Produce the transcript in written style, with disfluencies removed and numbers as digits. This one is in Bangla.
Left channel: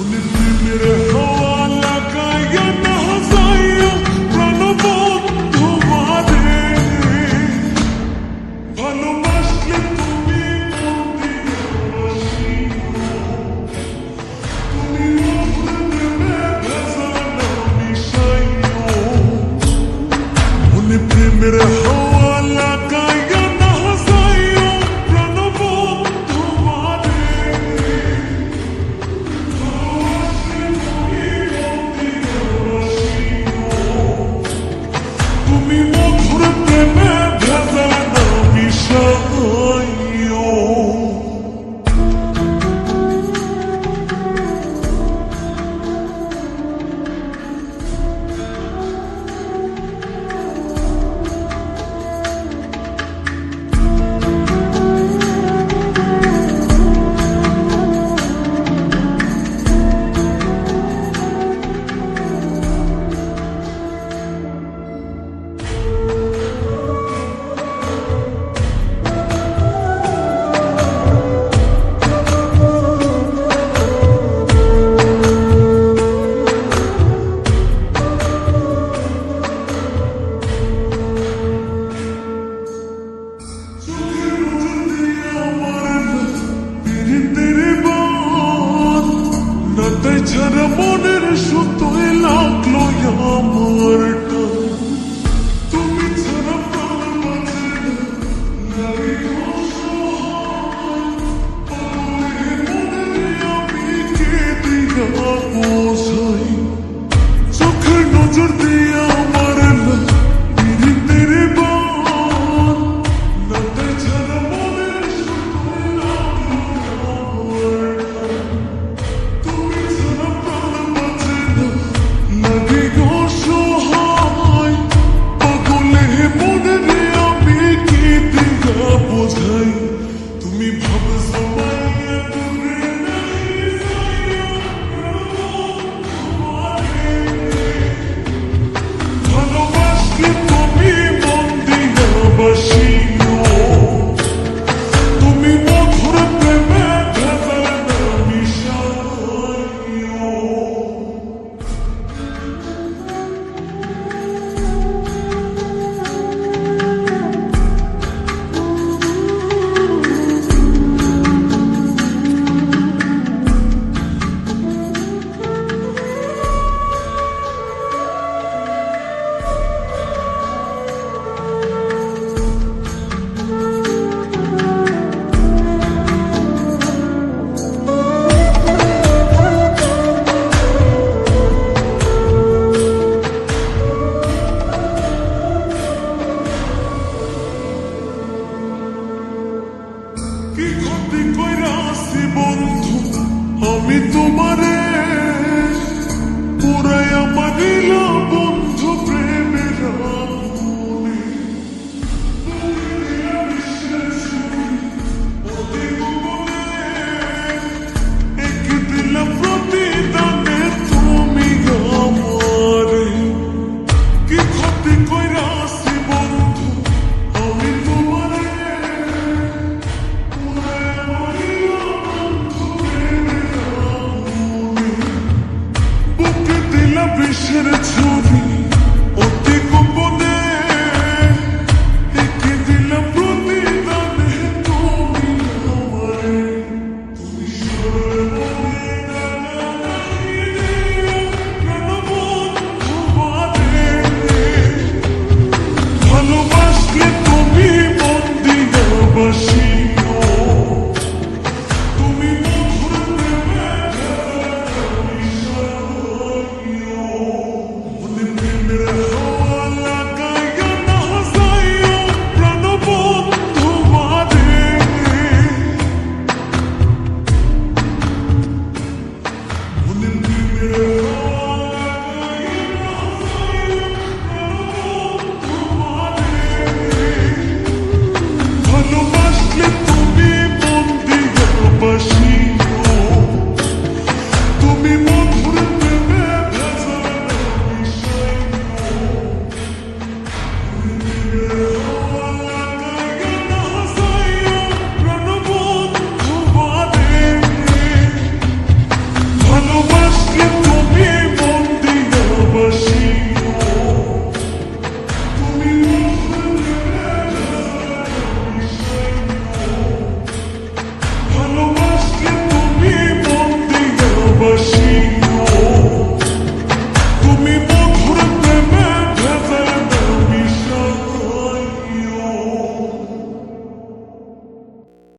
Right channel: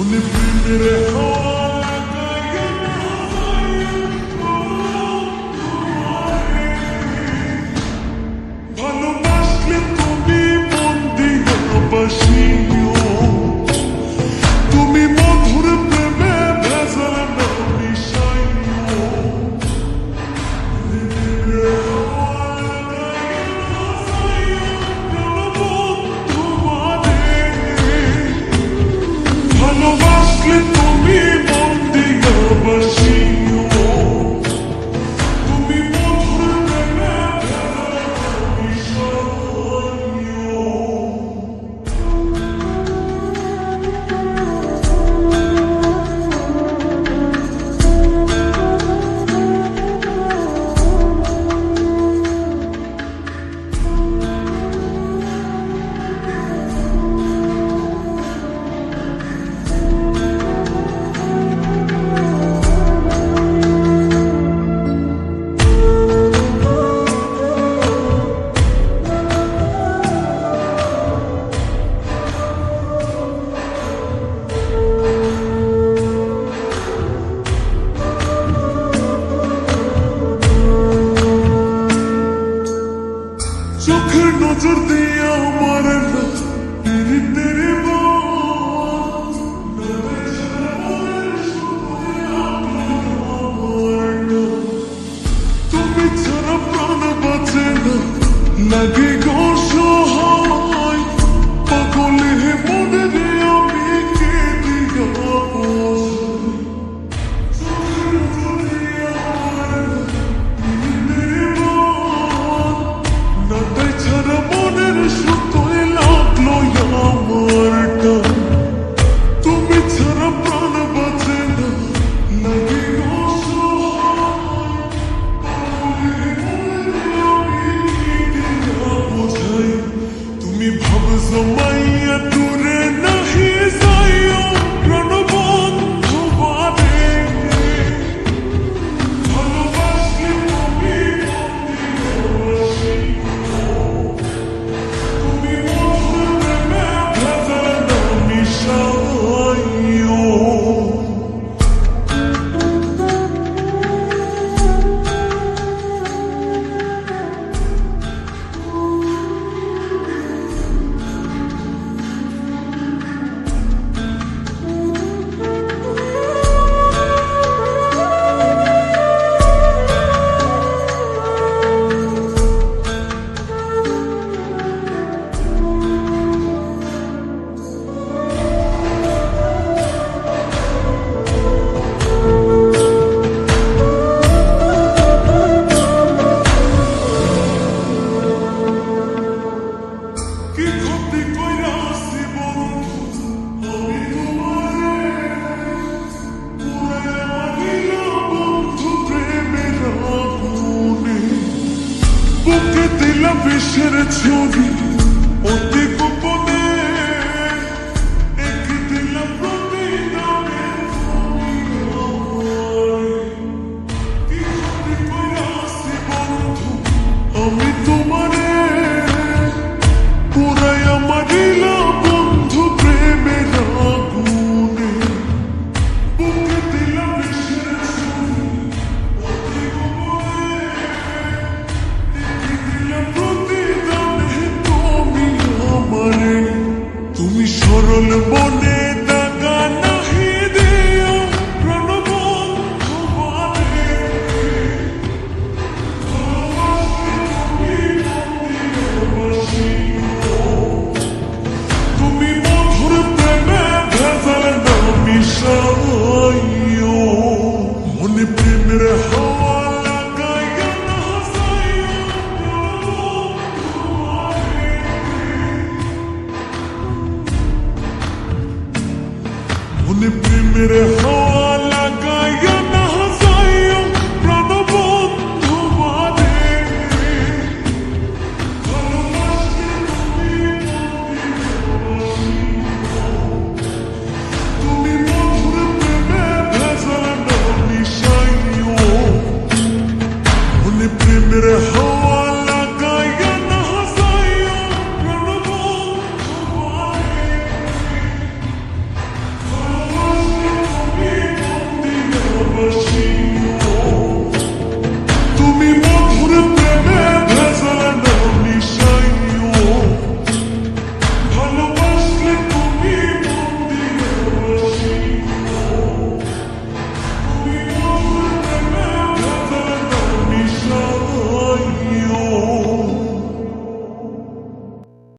উনি প্রেমের হাওয়া লাগাইয়া না যাইও প্রাণবন্ধু মারে, ভালোবাসলে তুমি মন দিয়া বাসিও, তুমি মধুর প্রেমে ভেজাল না মিশাইও। উনি প্রেমের হাওয়া লাগাইয়া না যাইও প্রাণবন্ধু মারে, ভালোবাসলে তুমি মন দিয়া বাসিও, তুমি মধুর প্রেমে ভেজাল না মিশাইও। চোখের নজর দিয়ে আমার না পীড়িতের বান, না তাই ছাড়া মনের সুতোয় লাগলো আমার টান। তুমি ছাড়া প্রাণ বাঁচে না, লাগে গো সহায়, পাগলে মনের আমি কে দিয়া বোঝাই। চোখের নজর দিয়ে আমার না পীড়িতের বান, না তাই ছাড়া মনের সুতোয় লাগলো আমার টান। তুমি ছাড়া প্রাণ বাঁচে না, লাগে গো সহায়, পাগলে মনের আমি কি দিয়া বোঝাই। তুমি ভাব জমাইয়া দূরে নাহি যাইও প্রাণবন্ধু মারে, ভালোবাসলে তুমি মন দিয়া বাসিও, তুমি মধুর প্রেমে ভেজাল না মিশাইও। কি ক্ষতি কইরাছি বন্ধু আমি তোমারে, পুরাইয়া মারিলা বন্ধু প্রেমের আগুনে, বুকে দিলা বিষের ছুরি অতি গোপনে, এক দিলা প্রতিদানে তুমি আমারে। কি ক্ষতি কইরাছি বন্ধু আমি তোমারে, পুরাইয়া মারিলা বন্ধু প্রেমের আগুনে, বুকে দিলা বিষের ছুরি অতি গোপনে, একে দিলা প্রতিদানে তুমি আমারে। তুমি সরল মনে দাগা নাহি দিও প্রাণবন্ধু মারে, ভালোবাসলে তুমি মন দিয়া বাসিও, তুমি